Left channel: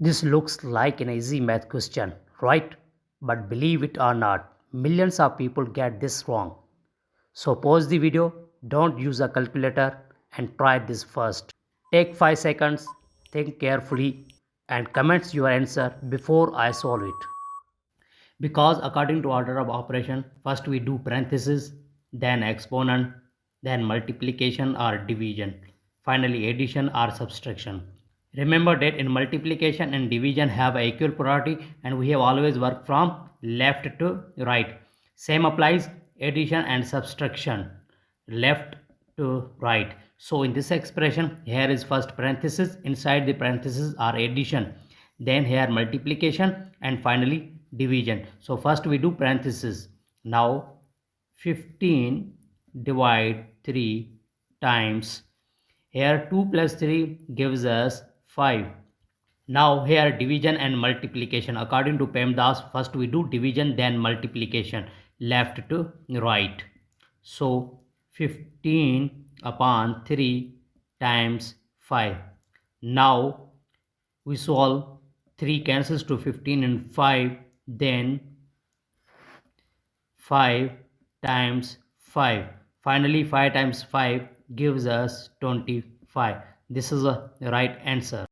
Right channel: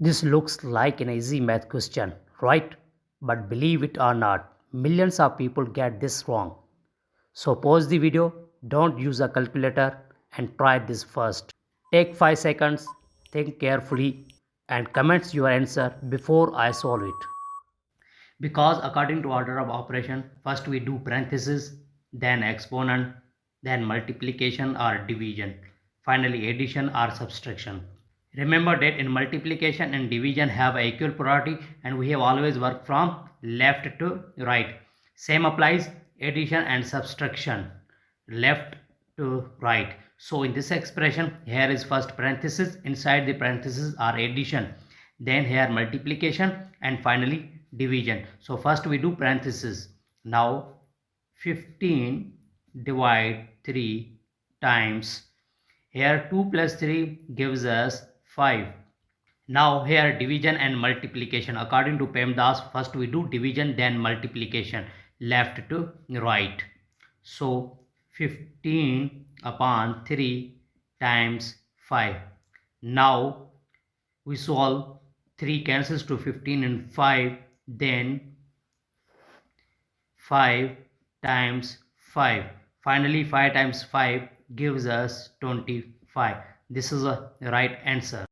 This looks like an easy math question, right? But believe it or not, millions of people get this wrong. So pause the video, don't use a calculator and try this first. Take 5 seconds, think carefully and comment your answer before I solve it. Because according to order of operation, first we do parenthesis, then exponent, then multiplication or division, finally addition or subtraction. Remember that in multiplication and division have equal priority and we have always worked from left to right. Same applies addition and subtraction, left to right. So in this expression, here is first parenthesis, inside the parenthesis are addition, then here multiplication and finally division. So first we do parenthesis. Now 15 divide 3 times, here 2 plus 3 gives us 5. Now here division and multiplication. According to PEMDAS, first we do division then multiplication, left to right. So 15 upon 3 times 5. Now we solve, 3 cancels to 15 and 5, then 5 times 5. Finally 5 times 5 gives us 25. This is the right answer.